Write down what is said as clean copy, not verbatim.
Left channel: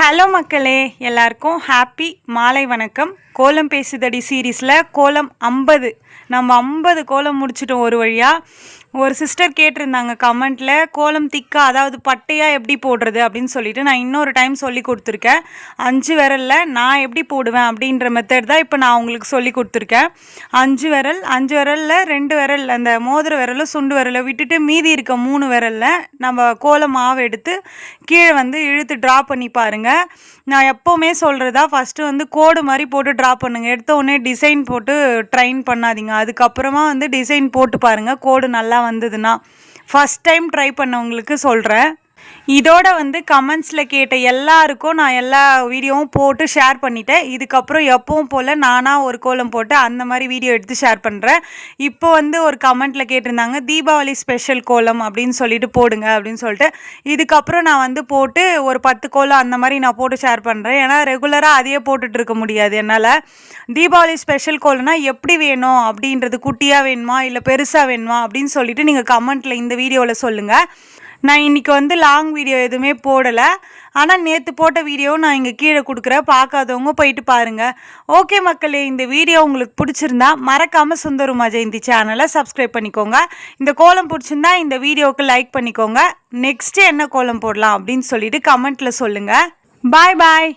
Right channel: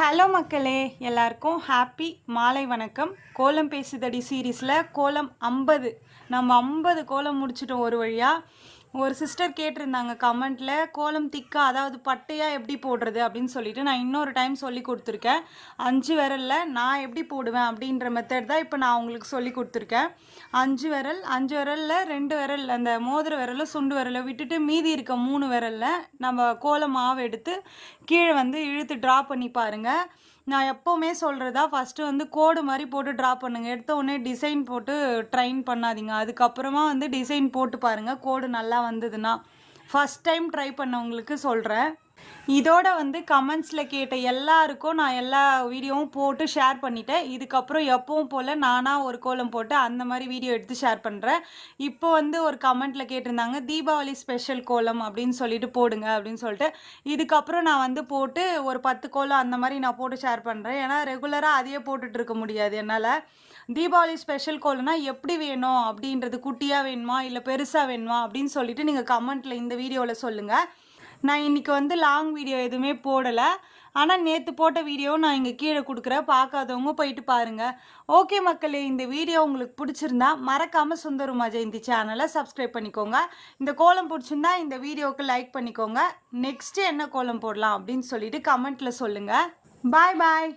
Hello மக்களே, எல்லாருக்கும் happy மாலை வணக்கம். கோலம் பேசுதடி சீரீஸில் கோலம் 50 நம்ம 50 கோலம் முடிச்சிட்டோம் ஒரு வழியாக. ஒரு சிஸ்டர் கேட்டிருந்தாங்க கமெண்ட்டில், கோலம் திக்கா அதாவது பட்டையாக எப்படி போடுறது அப்படின்னு சொல்லிட்டு நான் இன்னொரு டைம் சொல்லி கொடுத்துருக்கேன். 5 விரலில் நான் எப்படி போடுவேன் அப்படின்ற மெத்தட் தான் இப்போ நான் உங்களுக்கு சொல்லி கொடுத்துருக்கேன். 5 விரலில் 2 விரல் அந்த மோதிர விரலும் சுண்டு விரலை விட்டுட்டு மீதி இருக்க 3 விரலில் நம்ம கோலம் மாவு எடுத்து கீழே இழுத்து ட்ரா பண்ணி பாருங்கள். நான் எப்போவுமே சொல்கிறதா, ஃபஸ்ட்டு கோடு மாதிரி போட்டு ட்ரா பண்ணுங்கள். எடுத்த உடனே டிசைன் போட்டு ட்ரைன் பண்ணாதீங்க. அதுக்கப்புறமா டிசைன் போட்டு பாருங்கள். கோடு நல்லா வந்ததுன்னா ஃபஸ்ட் டைம் ட்ரை பண்ணவங்களுக்கு சொல்கிறேன். இதோட கமெண்ட்ஸில் கேட்ட எல்லாருக்கும் நான் எல்லா வீடியோவும் போட்டு ஷேர் பண்ணிட்டேன். இதுக்கப்புறம் எப்பவும் போல் நானாக ஒரு கோலம் போட்டு அந்த மாதிரி வீடியோ எடுத்து ஷேர் பண்ணுறேன். இப்போ ஒரு கமெண்ட்டில் கேட்டிருந்தாங்க, தீபாவளி ஸ்பெஷல் கோலம் அப்படின்னு சொல்லிட்டு போடுங்க அப்படின்னு சொல்லிட்டு. இதுக்கப்புறம் நான் போட்டு ஒரு 10 கோலம் அந்த மாதிரி நான் போட்டு ஷேர் பண்ணுறேன். ஏன்னா ரெகுலராக அதையே போட்டுட்டு இருக்க முடியாது என்னால். தீபாவளி ஸ்பெஷல் கோலம்னா எப்படி வேணும் அப்படின்றது, குட்டியாக வேணுமா இல்லை பெருசாக வேணுமா அப்படின்னு சொல்லிட்டு நீங்கள் கமெண்ட்டில் இந்த வீடியோவில் சொல்லுங்கள். நான் இன்றைக்கி லாங் வீடியோ எதுவுமே போடலை. ஆனால் நேற்று போட்ட வீடியோ நான் இங்கே கீழே கொடுக்குறேன், பார்க்காதவங்க போயிட்டு பாருங்கள். ஓகே மக்களே, இந்த வீடியோ உங்களுக்கு பிடிச்சிருந்தா மறக்காமல் சுந்தருமா ஜெயந்தி சேனலை சப்ஸ்கிரைப் பண்ணிக்கோங்க. இந்த கோலம் பிடிச்சிருந்தா இந்த வீடியோவுக்கு லைக் பண்ணிக்கோங்க. நெக்ஸ்ட்டு என்ன கோலம் போடலாம் அப்படின்னு சொல்லிட்டு கமெண்ட்டில் சொல்லுங்கள். பாய் பாய்.